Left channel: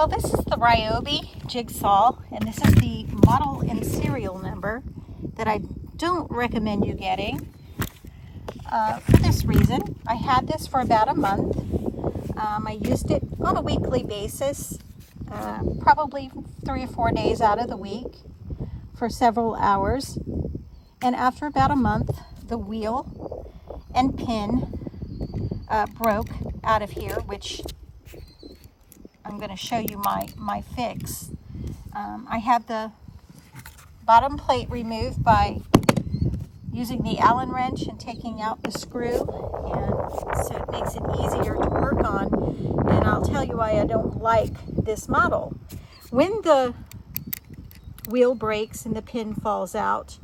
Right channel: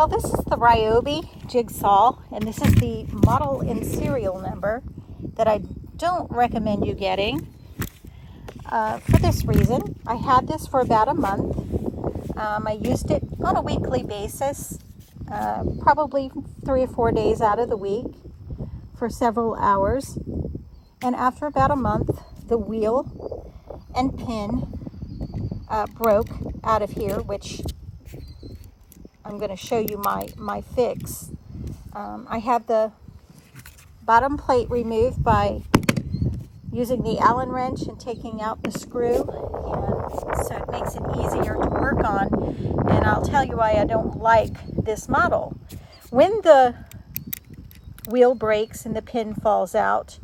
Well, this is the Ryobi Jigsaw, and this is the model and serial number that I don't recommend you getting for this reason. I had this for about a month. I used it on a weekly basis, probably 3 or 4 days out of the week for several hours. And after about a month, the wheel and pin broke out of here, which I'm going to show you my fix. I have the bottom plate removed by using the Allen wrench and taking out the screw, and so it makes it easier to work on. And I'll tell you why I don't like this model. When the wheel breaks and the pin falls out,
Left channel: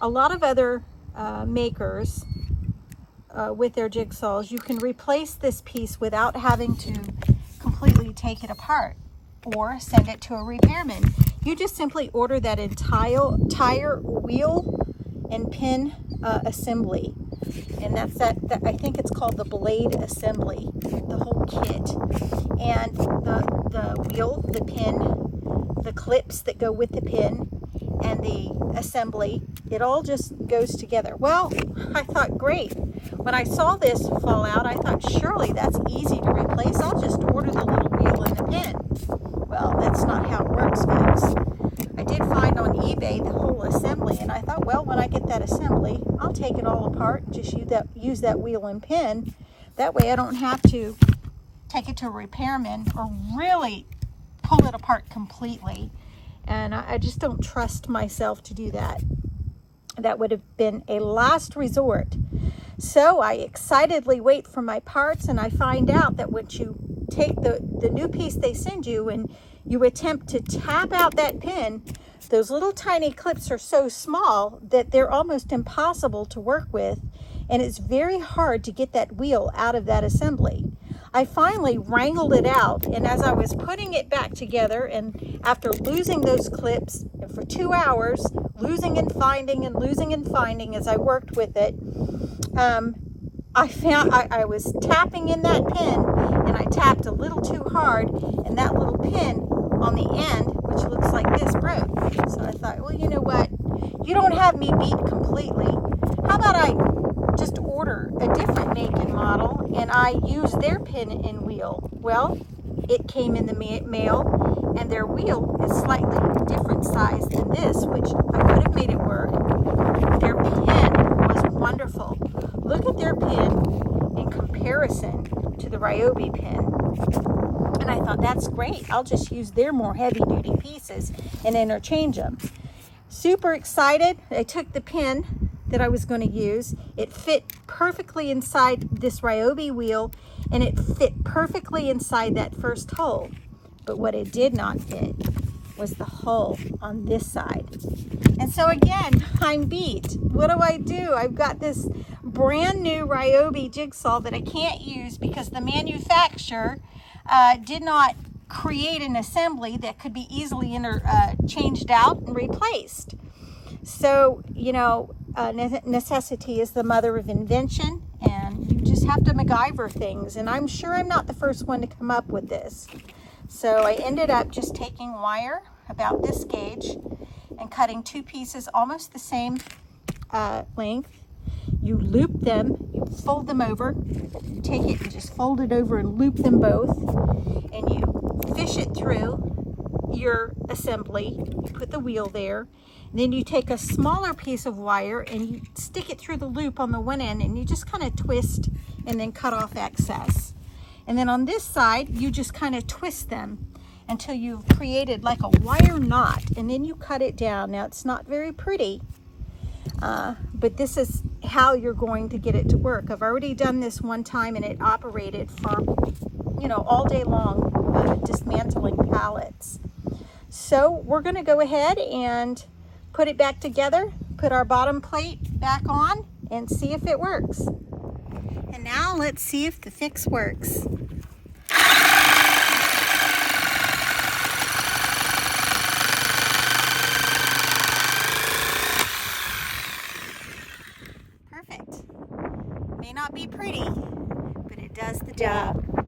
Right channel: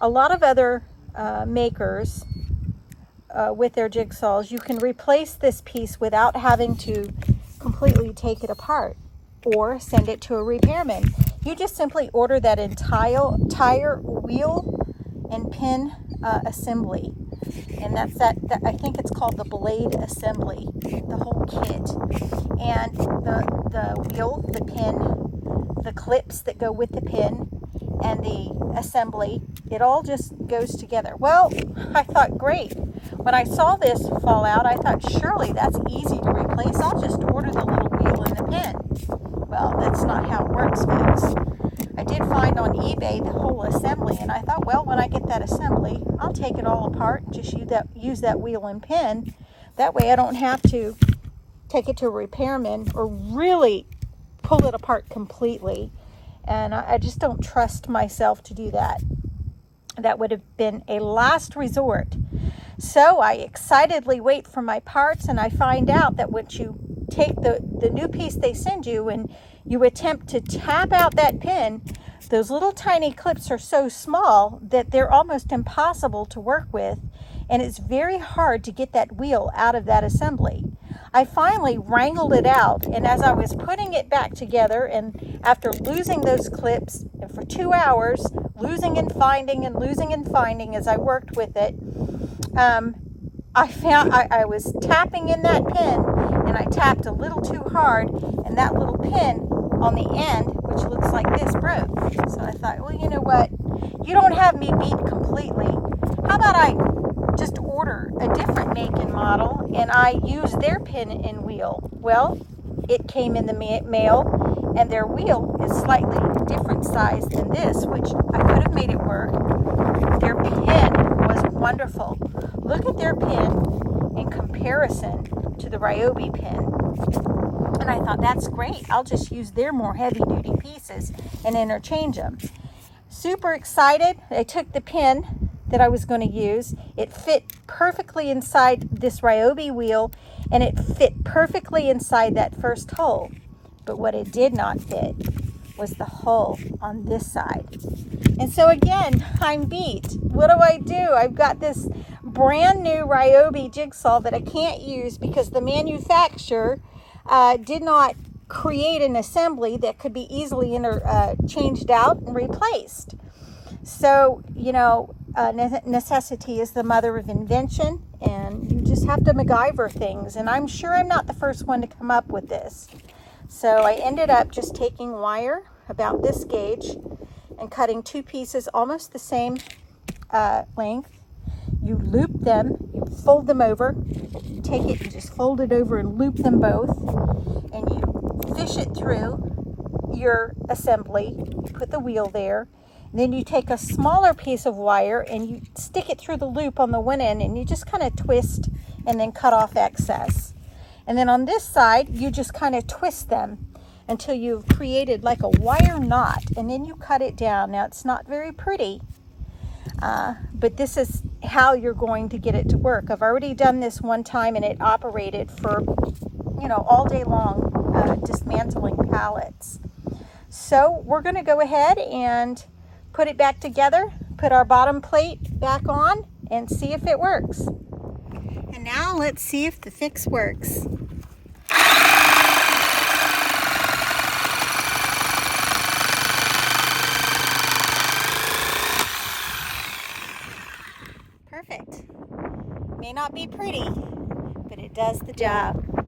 a lot of other makers with their jigsaws, you can replace this piece without having to completely take it apart or send it to a repairman. You just simply order that entire wheel and pin assembly, and that's that I think it's called the blade assembly, the whole kit, and the wheel, the pin, the clips that go with the pin, and the assembly, it all just goes together. Well, I thought, great. When I saw this fall out, I thought, surely that's easy to replace. I'll just order the little wheel and the pin. Well, that's not how it works, folks. I did find on eBay the whole assembly, and I thought, well, when I get that assembly, I'll take it all apart and just use that wheel and pin. That way I don't have to take it to a repairman or really pull it apart completely. And I just don't trust myself to do that. That would have been a last resort. So I excitedly wait for my parts, and I find out that once you take the new piece they send you and you attempt to tap out that pin, those little tiny clips are so small that they're almost impossible to work with, and it's very hard to get that wheel out of that assembly. I finally wrangled it out, and as I was putting it back together, and after losing those clips, and for 2 hours, losing and finding as I worked with it, I found I was tapping in that pin, and I tapped a little too hard, and that little pin on the end, which looks like this, broke. So I thought, well, you know what? You don't have me beat completely. How about I just order a different make and model, and I use their pin and wheel? Well, it came in the mail, and their wheel is slightly different size than this, which I could have made it work. Their pin was wonderful. Look at their pin in comparison to the Ryobi pin. And I thought, that's great. I'll just use their more heavy-duty pieces and interchange them. Super excited. I took the pin that I was going to use. It fit perfectly inside this Ryobi wheel, and it fit perfectly inside that first hole. But what it did not fit was the hole on this side. And so again, I'm beat. What do? I've got this brand new Ryobi jigsaw that I can't use because the manufacturer did not create an assembly that could be easily changed out and replaced. So, you know, necessity is the mother of invention, and you just have to MacGyver things. And I'm sure I'm not the first one to come up with this. So I ended up just taking wire about this gauge and cutting 2 pieces almost the same length. You loop them, you fold them over, you take it, you just fold it over and loop them both, and you fish it through your assembly. You put the wheel there. Then you take a smaller piece of wire and you stick it through the loop on the one end, and you just kind of twist and then cut off excess. And then on this side, you just kind of twist them until you've created like a wire knot, and then you cut it down. Now, it's not very pretty, but this is how you're going to get it to work. I've already done this one time, and it operated for, you know, all day long, dismantling pallets. So we're going to go ahead and put it back together, put our bottom plate back on, and see if it works. And now let's see if the fix works. Perfect. May not be pretty, but it does the job.